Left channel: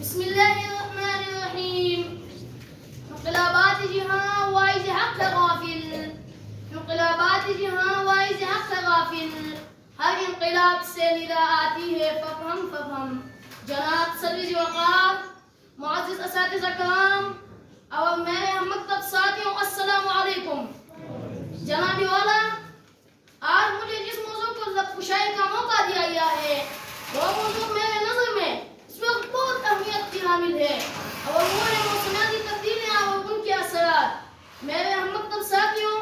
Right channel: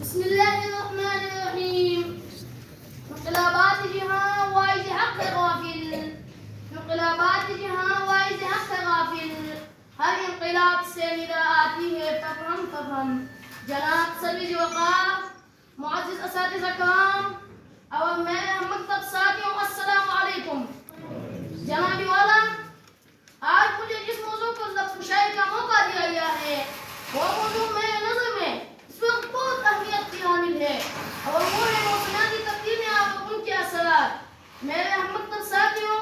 بسم الله الرحمن الرحیم. انقلابات جہاں وائز حق غافل، انقلابات جہاں وائز حق غافل، ہر انقلاب سے ندا آتی ہے ففہم ففہم. جناب سروج وقار، معزز اساتذہ کرام اور میرے ہم مکتب ساتھیوں، السلام علیکم. جناب والا، آج مجھے جس موضوع پر لفظ کشائی کا موقع دیا گیا ہے وہ موضوع میرے نظر میں اس وقت بہت اہمیت کی حامل ہے اور وہ ہے موسمیاتی تبدیلیاں اور ان کے اثرات. میرے ہم مکتب ساتھیوں،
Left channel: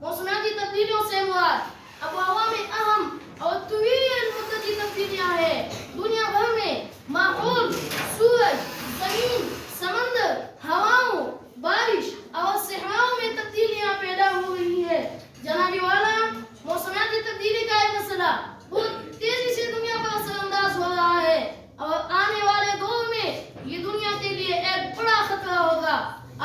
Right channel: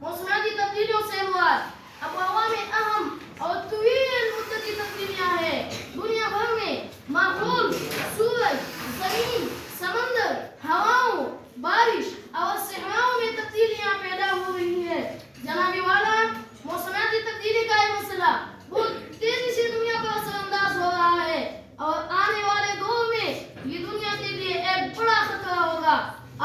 موسمیاتی تبدیلیوں سے مراد اب عوام اہم اور طویل مدتی تبدیلیاں ہیں. دنیا بھر میں ماحول، سورج، زمین، سمندر، ہواؤں، بارش اور صحراؤں میں تبدیلیاں پیدا ہو رہی ہیں. جناب والا، موسمیاتی تبدیلی کا یہ مسئلہ بہت تیزی سے دنیا پر اثر انداز ہو رہا ہے اور آنے والے دور میں یہ دنیا کے لیے ایک بڑا خطرہ ہوگا.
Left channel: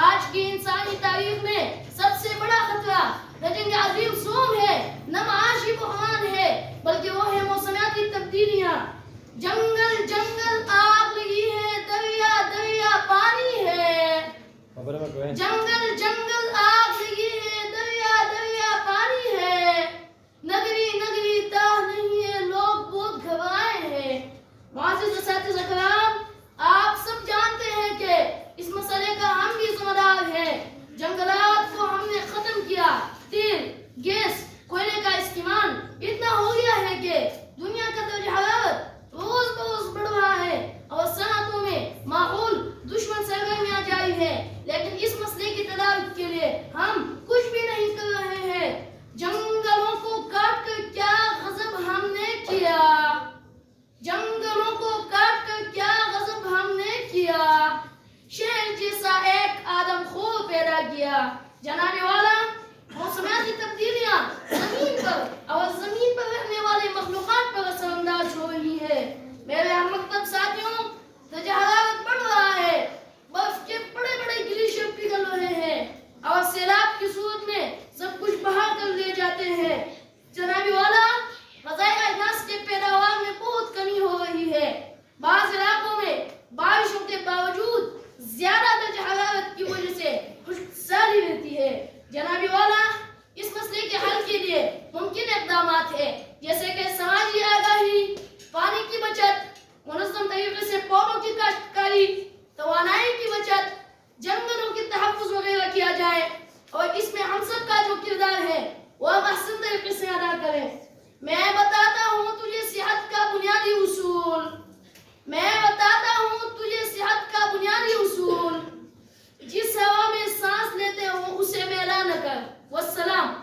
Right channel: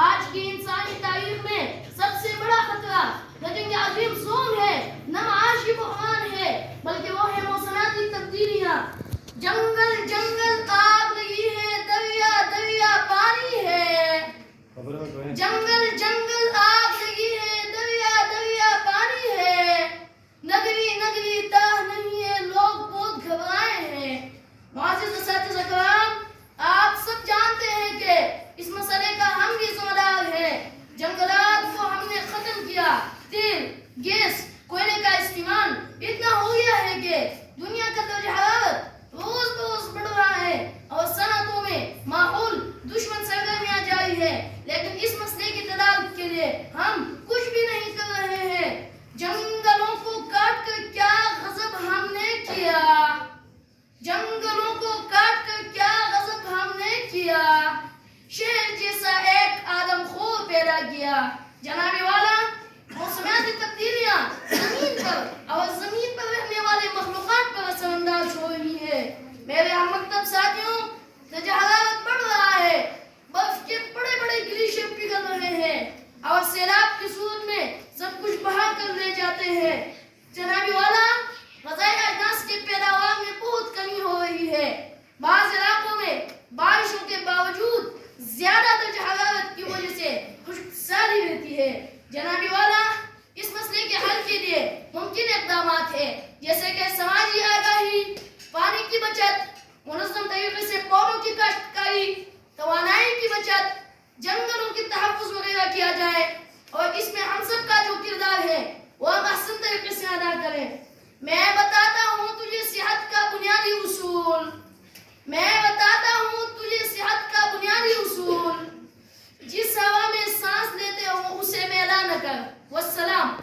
آج کی انسانی تاریخ میں سب سے بڑا خطرہ نہ جنگ عظیم زوم ہے، نہ معاشی بحران ہے، بلکہ وہ ہے موسمیاتی تبدیلیاں. جنگل جنگل آگ لگی ہے، دریا دریا پانی ہے. جنگل جنگل آگ لگی ہے، دریا دریا پانی ہے. نگری نگری تاہ نہیں ہے، لوگ بہت گھبرائے ہیں. معزز اساتذہ کرام، آپ سب جانتے ہیں کہ اس مسئلے کا ہم بھی ذمہ دار ہیں. جنگلات کو ہم نے ختم کیا. تیل، گیس، کوئلے کا استعمال اتنا ہو گیا ہے کہ دنیا کا درجہ حرارت روز بروز بڑھ رہا ہے اور صنعتوں میں ماحول دشمن سرگرمیاں جاری ہے. لیکن اس مسئلے کی تدارک کے لیے ہم کچھ بھی نہیں کر رہے ہیں. جنگلوں کو کاٹ کر کیا غضب ہم نے کیا، جنگلوں کو کاٹ کر کیا غضب ہم نے کیا، شہر جیسا ایک آدم خور پیدا کیا. جناب والا، موسمیاتی تبدیلیاں زمین پر اور زمین پر رہنے والے مخلوقات پر اثر انداز ہو رہی ہے. میرے ہم مکتب ساتھیوں، درجہ حرارت بڑھ رہا ہے، برف کے بڑے بڑے گلیشیر پگھل رہے ہیں اور سیلاب کی صورت میں سب کچھ بہا کر لے جاتے ہیں. جناب والا، غذائی اجناس کے پیداوار میں بہت کمی ہو رہی ہے. بعض علاقوں میں بارشوں کے باوجود زیادہ درجہ حرارت کی وجہ سے خشک سالی رہتی ہے. جناب والا، اس مسئلے کے حل کے لیے ممکن اقدامات ہیں، جیسے کہ سماجی آگاہی، پانی کی بچت، منظم طریقے سے پودوں کی کاشتکاری، توانائی کی بچت، جنگلوں کی تحفظ وغیرہ کیا جائے اور اس میں ہم سب کا جو کردار ہے وہ احسن طریقے سے ادا کریں. میں بتاتا ہوں تجھے صحت کا بنیادی اصول، میں بتاتا ہوں تجھے صحت کا بنیادی اصول. جس ہوا میں سانس لیتے ہو اسے میلا نہ کر. والسلام.